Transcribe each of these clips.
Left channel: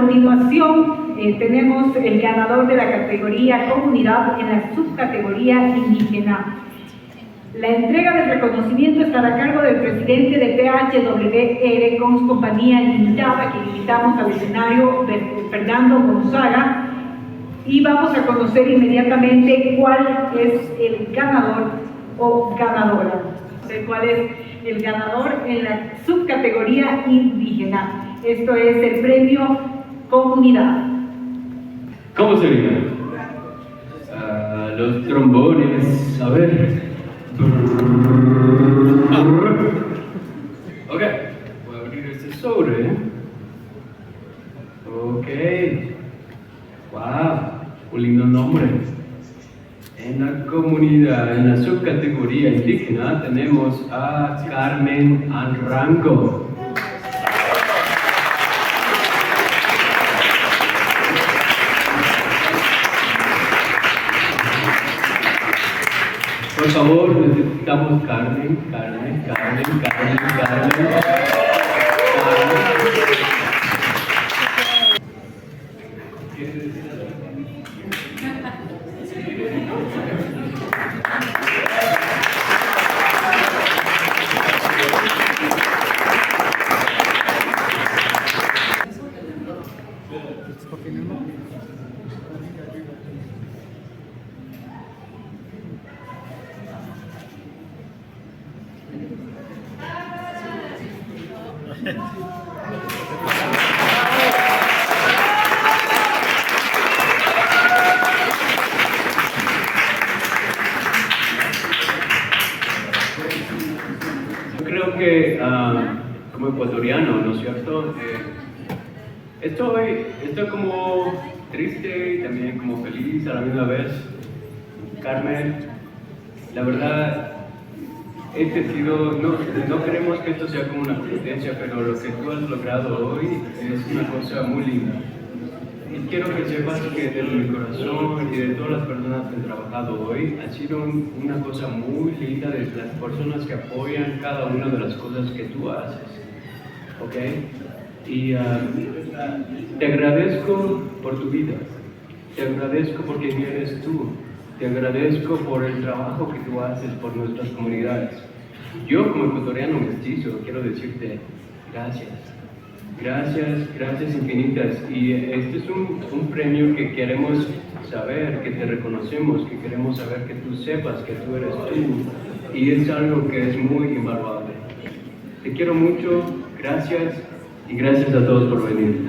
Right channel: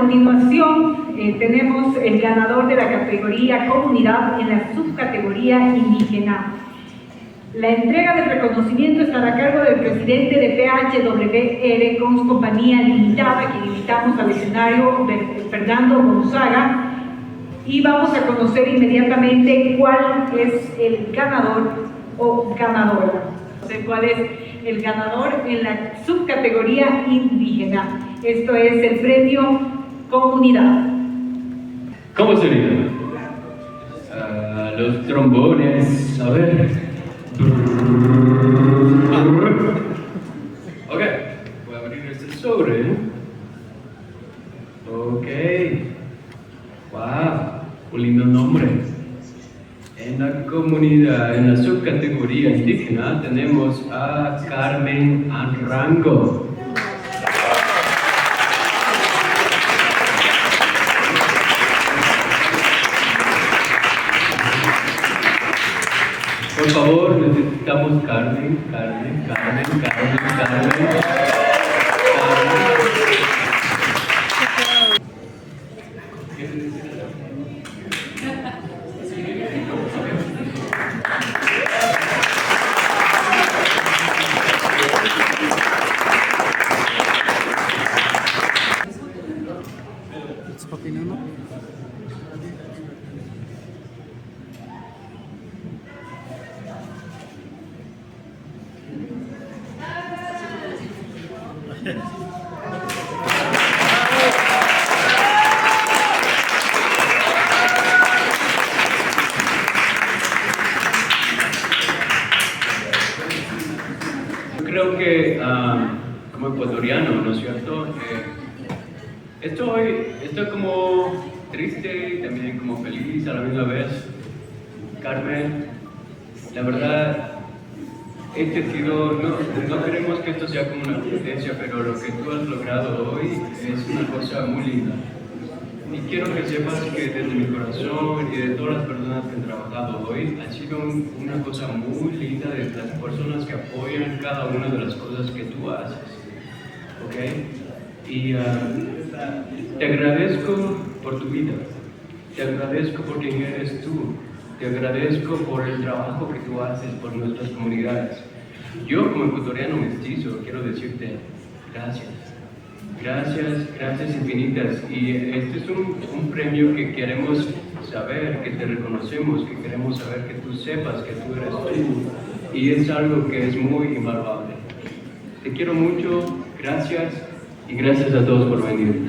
continuación tenemos el ganador de la categoría Comunidad en la subcategoría Indígena. La entrega del reconocimiento estará a cargo del presidente de PHWR con Compañía Limitada, que invitamos al escenario, Fernando Gonzaga, y vamos a conocer inmediatamente cuál es el ganador o ganadora. ¿Cuál es el ganador en la subcategoría indígena? Esto es el premio Comunidad. ¿Cómo sería? Los trombones, a ver. Ok, voy a abrir este sobre. Ok. Wow, un lindo nombre. En la comunidad, en la subcategoría indígena, tenemos a Carmen Anrango. Por favor, necesitamos Carmen. Creo que como ecuatoriano, ¿no es cierto? Estoy como triste y también como feliz a la misma vez. Carmen, la verdad, no queremos que esto sea como una competencia, pero lo que tú has logrado hoy es una cosa muy linda. Y quiero que sepas que desde mi corazón y de todas las personas que han trabajado hoy, ha sido una cosa muy linda de las personas que apoyan cada una de las cosas que tú haces. ¿Ok? Y te agradezco por tu vida, te agradezco por quién eres tú, te agradezco por el trabajo que tú haces por nuestras comunidades. Yo como ecuatoriano mestizo quiero decirte gracias. Gracias infinitas. Y este es un premio que queremos saber, que te reconocemos, que queremos saber que tú sepas que tú eres tú. Y es algo que es muy invaluable. Te quiero mucho, gracias y gracias a todos por venir.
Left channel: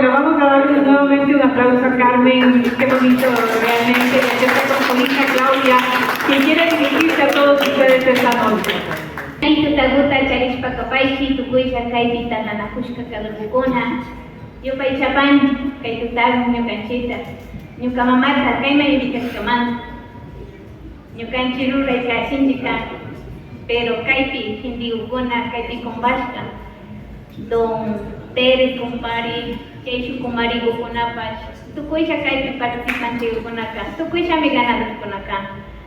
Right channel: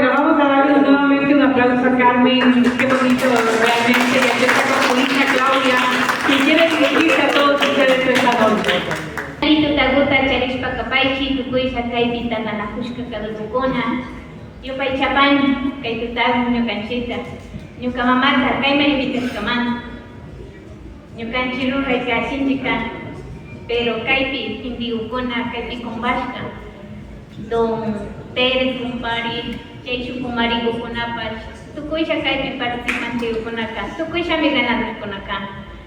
Vamos a darle nuevamente un aplauso a Carmen. Qué bonito realmente, y aquí está con su hija Claudia, que quiere dirigirse a todos ustedes esta noche. pero kaipi hindi ukuna kaipi kumbashka don Pérez kumpari Chechu kumari gukunapash tukuisha kaipi participante ukunaka tukuisha migana ukunaka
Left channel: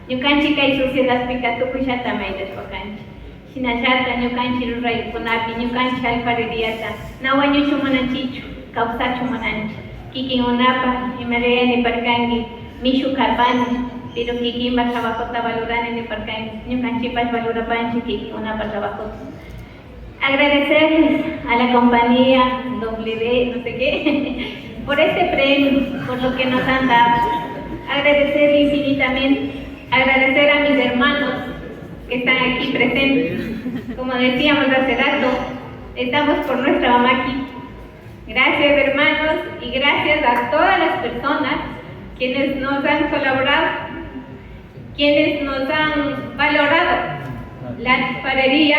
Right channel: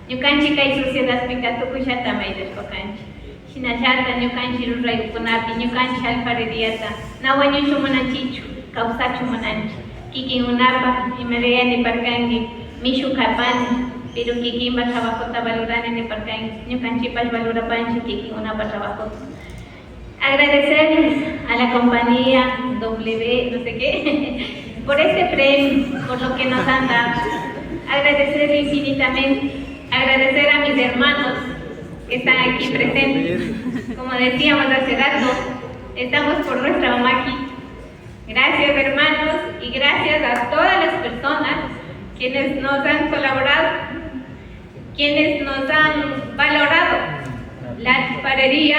ñukanchik kay sociedad pika tukuisha tamaydes pakanchik shinashata ñukanchik ruray ukunapi ñukanchik alfareriata nawañushu munanchichu kawsachu munanchik kikin unapa imarayani parkanki mishu karpani pero que va trabajo está valorando en el parque, ni canchipas valora pancho que una para trabajo. Agradecerles a la compañía W, no sé qué, por este premio, por lo que nos han dado. Agradecer infinitamente, agradecer a mis hermanos que están aquí presentes. Como decíamos hace rato, estamos por nuestra mamá aquí. Gracias hermanos y gracias a todas las personas quienes nos han colaborado, quienes nos han valorado la alfarería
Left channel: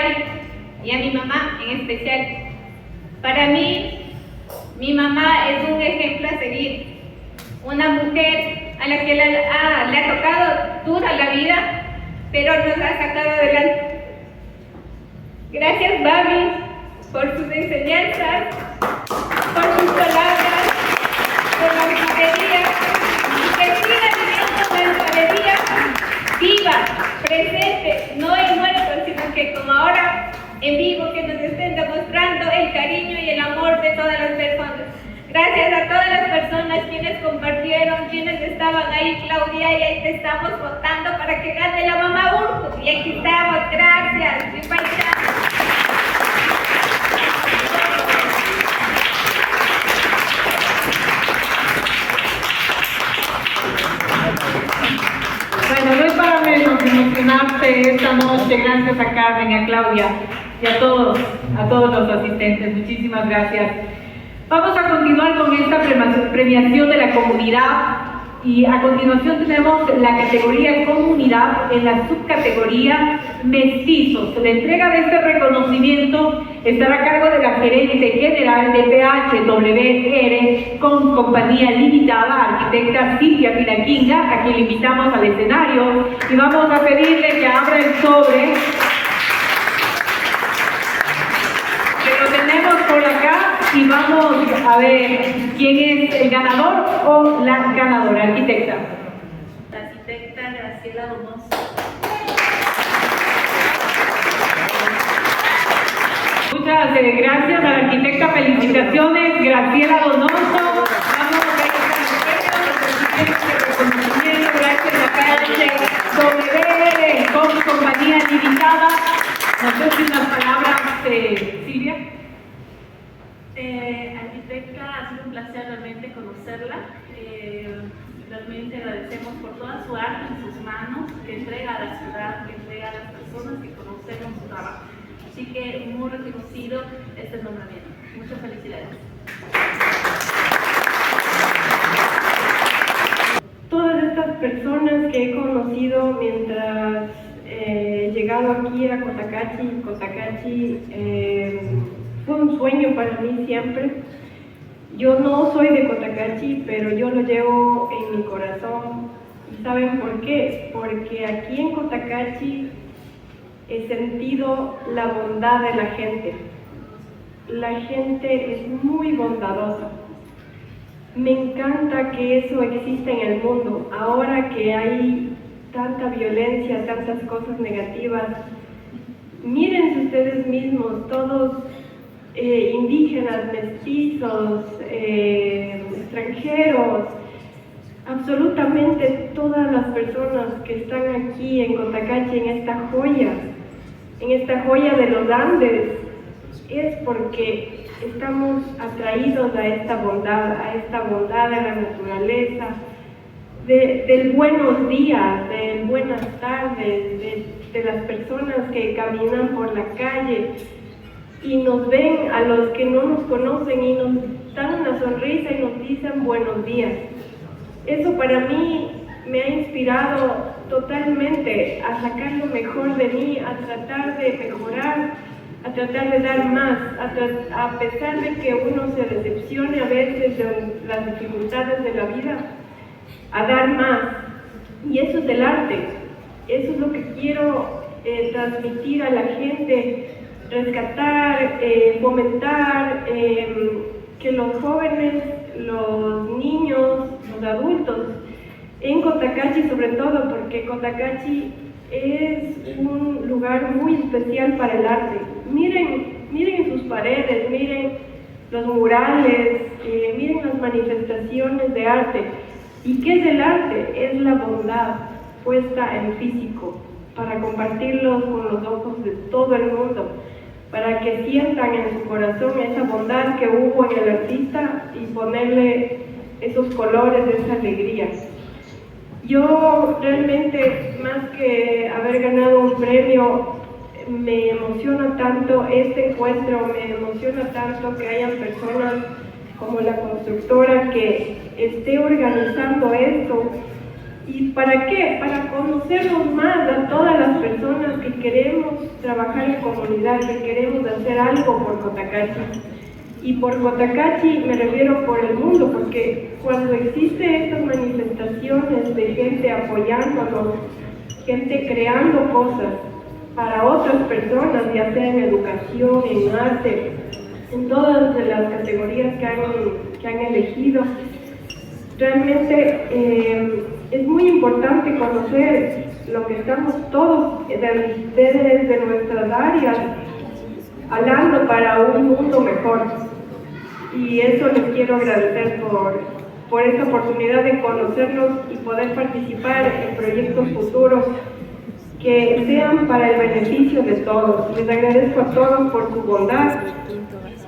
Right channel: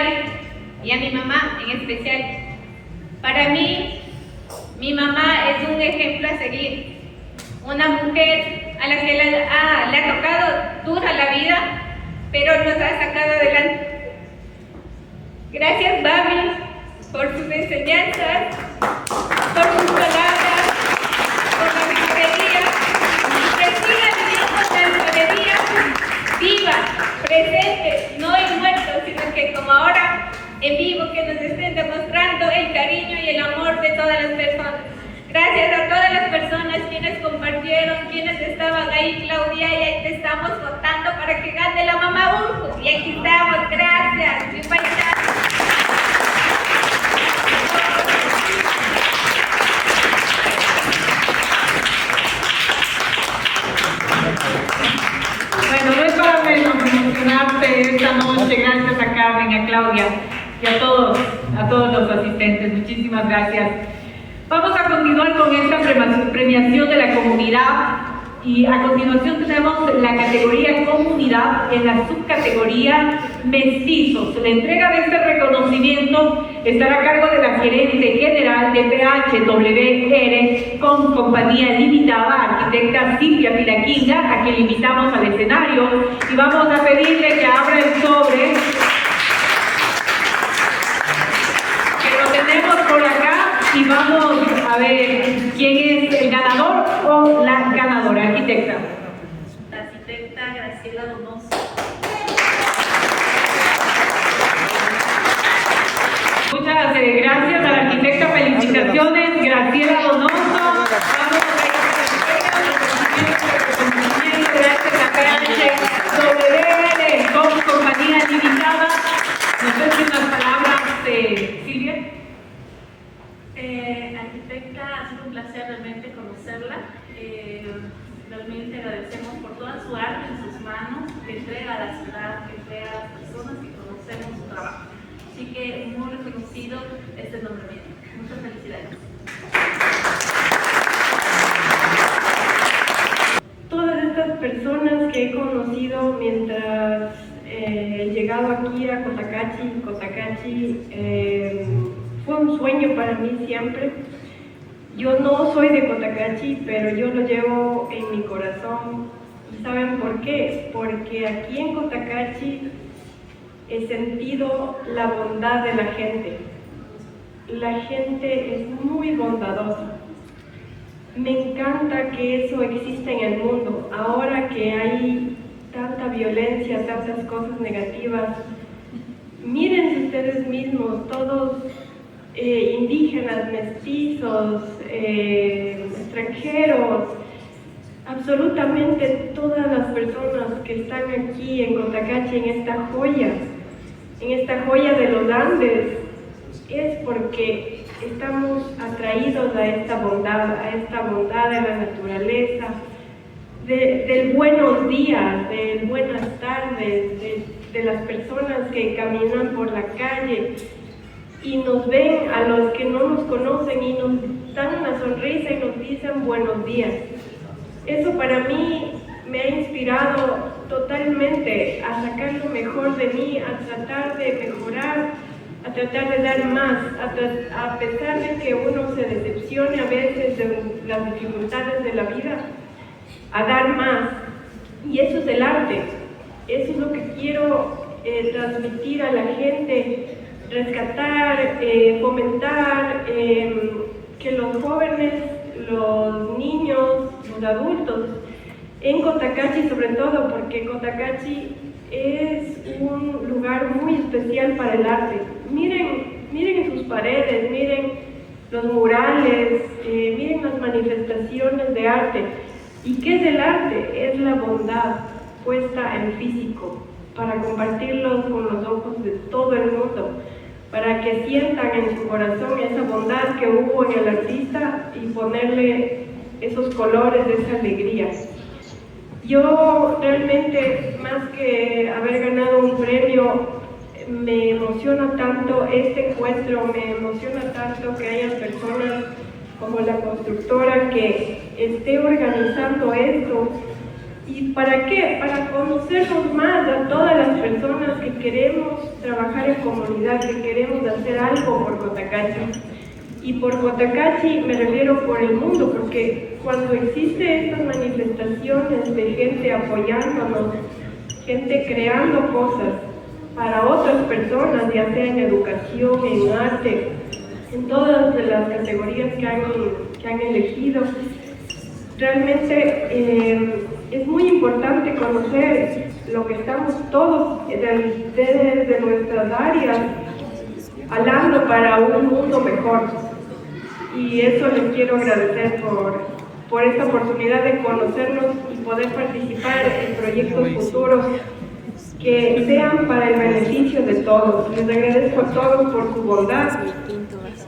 y a mi mamá en especial. Para mí, mi mamá es un ejemplo a seguir, una mujer a la que le ha tocado dura la vida, pero nos ha sacado adelante. Gracias, Babi, por sus enseñanzas, por sus palabras, quienes compartieron, quienes estaban ahí, Claudia, y ahí te estamos votando para que gane la mamá Urco. Y aquí estamos, gracias. Bueno, no es para menos emocionarte esta noche. Gracias a Carmen, a Claudia y a todos los asistentes. Muchísimas gracias. Vamos a continuar con esta premiación de la comunidad y a continuación tenemos la categoría comunidad en la subcategoría mestizos. La entrega de este reconocimiento estará a cargo de la gerente general de PHWR con compañía limitada, arquitecta Silvia Pinaquinga, a quien invitamos al escenario y vamos a pedirle que abra el sobre que lo tenemos por acá y vamos a ver quién es el ganador o la ganadora. Arquitecta. La arquitecta Graciela Donoso. Muchas gracias a la arquitecta, felicitaciones, Graciela Donoso. Vamos gracias a PHWR con compañía limitada. No sé si unas palabras, Silvia. Arquitecta, ha sido un placer realmente conocerla. Realmente agradecemos por toda su arte en sus manos, que entrega a la ciudad, que entrega a las personas que conocemos su trabajo. Así que muy reconocido este nombramiento. Muchas felicidades. Todas estas personas que he conocido mientras he llegado aquí a Cotacachi, fue un sueño para mí siempre. Yo no soy de Cotacachi, pero yo lo llevo en mi corazón. ¿Y saben por qué? Porque aquí en Cotacachi he sentido la bondad de la gente. La gente es muy bondadosa. Me encanta que eso exista en el mundo. Ahora que hay tanta violencia, tantas cosas negativas, miren ustedes mismos, todos indígenas, mestizos, extranjeros, absolutamente todas las personas que están aquí en Cotacachi, en esta joya de los Andes, es porque estamos atraídos a esta bondad de la naturaleza, del buenos días, de buenas tardes, de las personas que caminan por la calle y nos ven a los que no nos conocen y nos dan una sonrisa y nos dicen buenos días. Eso para mí me ha inspirado totalmente a sacar lo mejor de mí, a tratar de mejorar, a tratar de dar más, a pesar de que uno se decepcione a veces de las dificultades de la vida, a dar más. Y eso es el arte, eso es lo que quiero transmitir a la gente, rescatar, fomentar, que los jóvenes, los niños, los adultos, en Cotacachi sobre todo, porque Cotacachi es un lugar muy especial para el arte. Miren sus paredes, miren los murales, miren las manifestaciones de arte. ¿Y qué es el arte? Es la bondad puesta en físico, para compartirlo con los ojos de todo el mundo, para que sientan en su corazón esa bondad que hubo en el artista y ponerle esos colores de esa alegría. Yo realmente, más que haber ganado un premio, me emociona tanto este encuentro, me emociona tanto que haya personas como la constructora que esté organizando esto. ¿Y para qué? Para conocernos más a todas las personas que queremos trabajar en comunidad, que queremos hacer algo por Cotacachi. Y por Cotacachi me refiero por el mundo, porque cuando existen estas manifestaciones de gente apoyándonos, gente creando cosas para otras personas, ya sea en educación, en arte, en todas las categorías que han elegido, realmente es muy importante conocer lo que estamos todos desde nuestras áreas hablando para un mundo mejor. Y eso les quiero agradecer por esta oportunidad de conocerlos y poder participar en proyectos futuros que sean para el beneficio de todos. Les agradezco a todos por su bondad,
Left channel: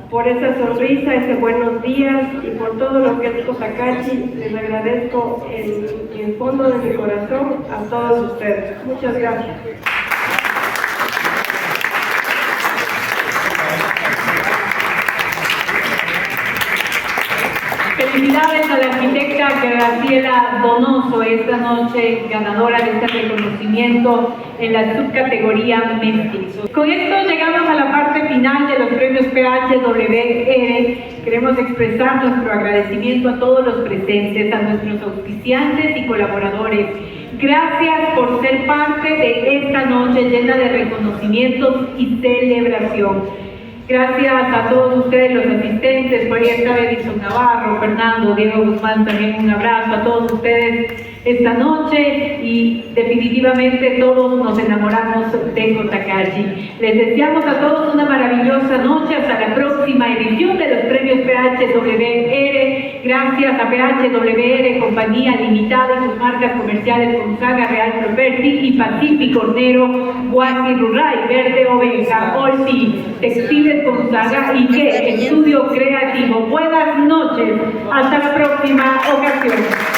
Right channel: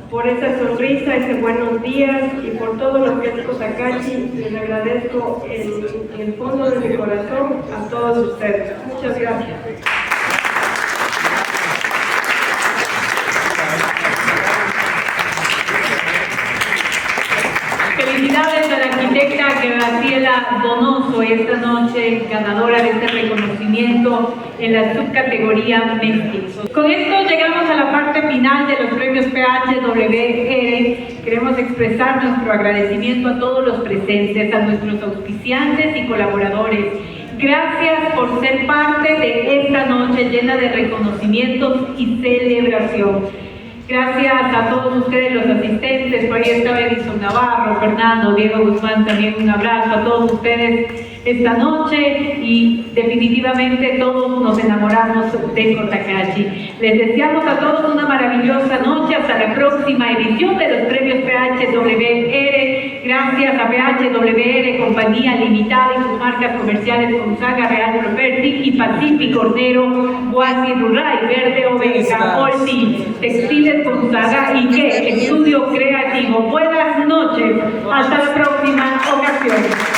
por esa sonrisa, ese buenos días y por todo lo que es Cotacachi. Les agradezco en el fondo de mi corazón a todos ustedes. Muchas gracias. Felicidades a la arquitecta Graciela Donoso, esta noche ganadora de este reconocimiento en la subcategoría México. Con esto llegamos a la parte final de los premios PHWR. Queremos expresar nuestro agradecimiento a todos los presentes, a nuestros auspiciantes y colaboradores. Gracias por ser parte de esta noche llena de reconocimientos y celebración. Gracias a todos ustedes, los asistentes, por ahí estaba Edison Navarro, Fernando, Diego Guzmán, también un abrazo a todos ustedes esta noche y definitivamente todos nos enamoramos de Cotacachi. Les deseamos a todos una maravillosa noche, hasta la próxima edición de los premios PHWR. Gracias a PHWR, Compañía Limitada y sus marcas comerciales Gonzaga, Real Property y Pacífico Hornero, Guasi Rural, Verde Oveja, Olti, Textiles Gonzaga y que Estudio Creativo. Buenas noches, hasta la próxima ocasión.